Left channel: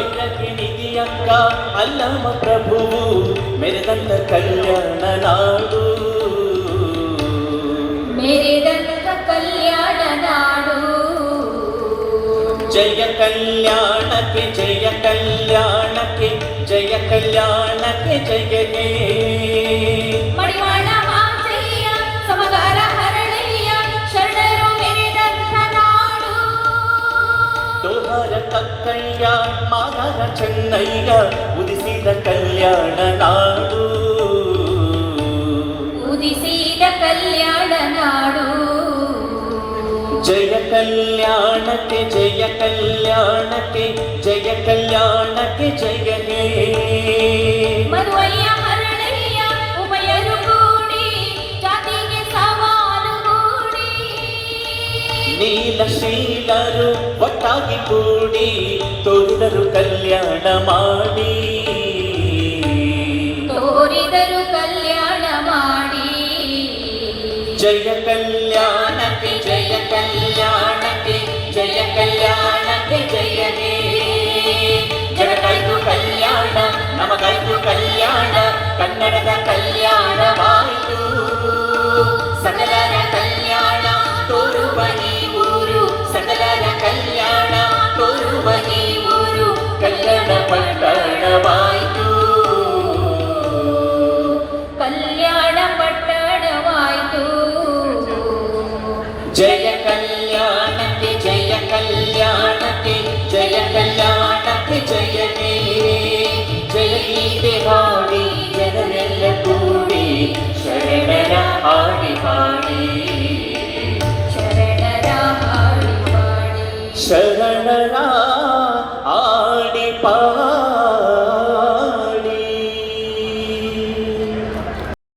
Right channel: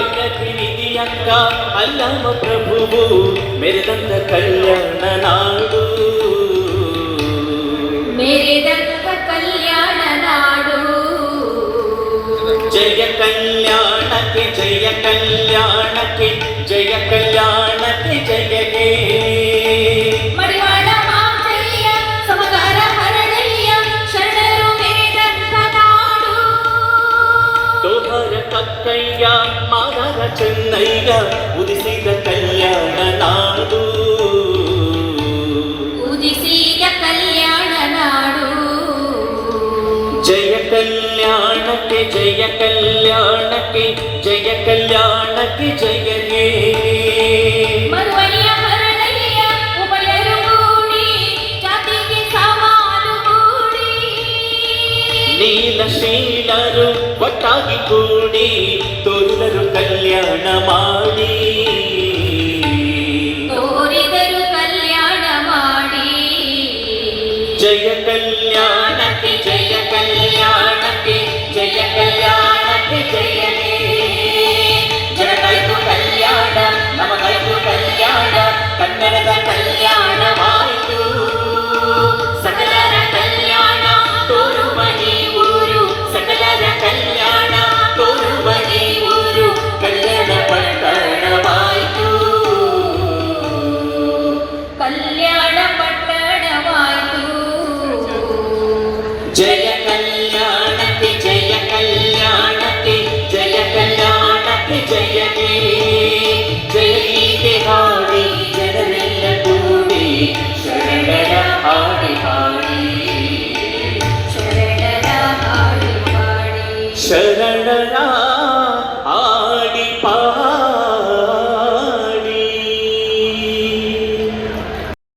ವೈರಕ್ಕೆ ನಿಧಿಯಂಗ ಅಲ್ಲಮ ಪ್ರಭುವು ಮೆರೆದಂತ ಕಲ್ಯಾಣ ನಾಡು ಮೆರೆದಂತ ಕಲ್ಯಾಣ ನಾಡು ಜಯ ಕಲ್ಯಾಣಕ್ಕೆ ಜಯ ಕಲ್ಯಾಣಕ್ಕೆ ಜಯ ಕಲ್ಯಾಣಕ್ಕೆ ಜಯಗೆ ಮಡಿವಾಳ ಮಾತೆಯ ಸಮಗಾರ ಹರಳೆಯ ಶರಣರು ಮೆರೆದಂತ ನಾಡು ದೋಹರ ಕಕ್ಕಯ್ಯ ಮಾರರ ಚೆನ್ನಯ್ಯ ಉದಿಸಿದ ಕಲ್ಯಾಣ ನಾಡು ಉದಿಸಿದ ಕಲ್ಯಾಣ ನಾಡು ಜಯ ಕಲ್ಯಾಣಕ್ಕೆ ಜಯ ಕಲ್ಯಾಣಕ್ಕೆ ಜಯ ಕಲ್ಯಾಣಕ್ಕೆ ಜಯನೇ ಮರುವಯ್ಯ ಹರಳಯ್ಯ ಉಭಯರು ಕೂಡಿ ಜಾತಿಗೆ ಸಮಾನುಗೂಡಿ ನೀಲಶೀಲರು ಒಟ್ಟಾಗಿ ಕೂಡಿ ತೋರಿದರು ಕಲ್ಯಾಣ ಮಾಡಿ ತೋರಿದರು ಕಲ್ಯಾಣ ಮಾಡಿ ಜಯ ಕಲ್ಯಾಣಕ್ಕೆ ಜಯ ಕಲ್ಯಾಣಕ್ಕೆ ಜಯ ಕಲ್ಯಾಣಕ್ಕೆ ಜಯನೇ ಜಗತ್ತಾಯ್ತು ಕಲ್ಯಾಣ ನಮಗಾಯ್ತು ಕಲ್ಯಾಣ ಕನ್ನಡದ ಕಲ್ಯಾಣವಾಯಿತು ಸಕಲರ ಕಲ್ಯಾಣ ತೋರುವ ಊರು ಸಕಲರ ಕಲ್ಯಾಣ ತೋರುವ ಊರು ಕಲ್ಯಾಣ ಪಟ್ಟಣವಾಯಿತು ಕಲ್ಯಾಣ ಪಟ್ಟಣವಾಯಿತು ಜಯ ಕಲ್ಯಾಣಕ್ಕೆ ಜಯ ಕಲ್ಯಾಣಕ್ಕೆ ಜಯ ಕಲ್ಯಾಣಕ್ಕೆ ಜಯನೇ